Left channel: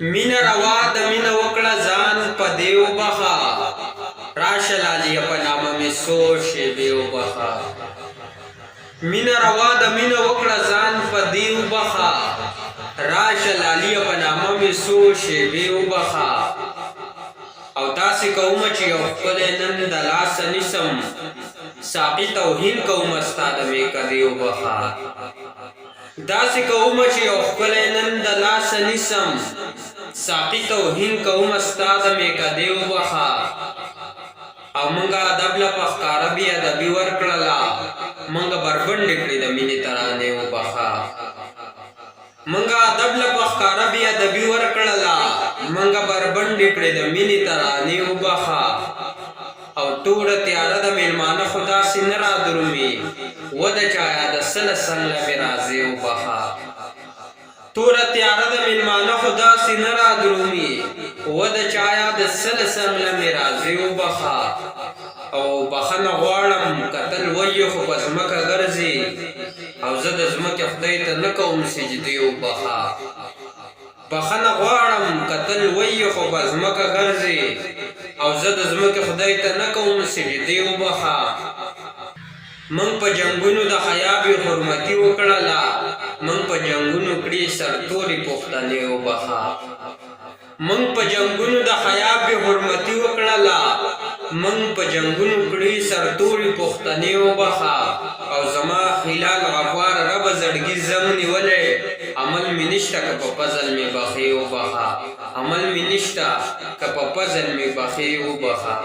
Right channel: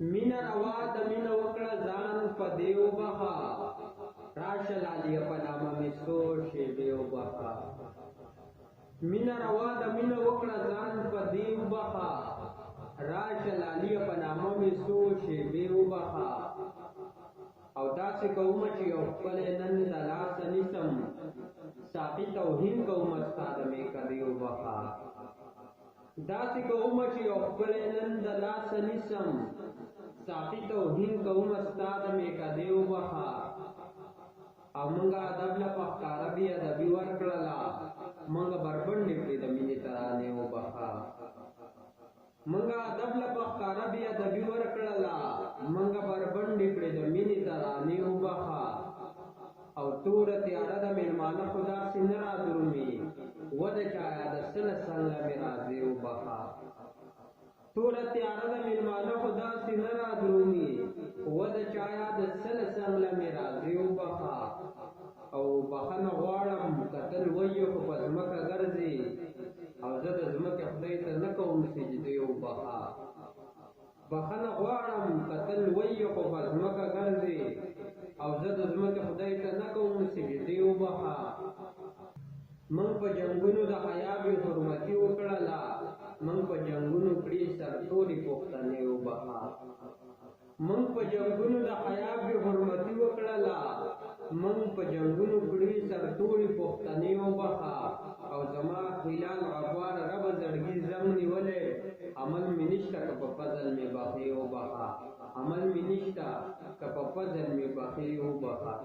مین روا د مین وکړه ځان په دیو بخا راشه لالی په نامه می سوچ دیو بخا مین روا د مین وکړه ځان په دیو بخا راشه لالی په نامه می سوچ دیو بخا او داسې کوم چې یو خپل نن د لاس نسم ساقي توهین کوم استاد می کدیو بخا داسې کوم چې یو خپل نن د لاس نسم ساقي توهین کوم استاد می کدیو بخا او منګه ادب له پخکار بیا د بي ورکړلا منګه بربند کړی د مینې ترانه وبخا منګه ادب له پخکار بیا د بي ورکړلا منګه بربند کړی د مینې ترانه وبخا او ټول تیار د میلمانه خدا سینرا درومي ود چایا د سل سنل میرازي وبخا تور تیار د میلمانه خدا سینرا درومي ود چایا د سل سنل میرازي وبخا او بخنه غواړم قتل وی خو پزمکه ګرځي او زه د زمکه خدای ته نه کوم سجدي وبخا بخنه غواړم قتل وی خو پزمکه ګرځي او زه د زمکه خدای ته نه کوم سجدي وبخا من په جنگونو د حیا به حرمتي وکړلا من په جنگونو کړي سرتوري پښتنه وبخا من په جنگونو د حیا به حرمتي وکړلا من په جنگونو کړي سرتوري پښتنه وبخا او زما خلال غفار رب زړګي زمني ولې عمل منشتا ک په فضل می بخي وبخا عمل منشتا ک په فضل می بخي وبخا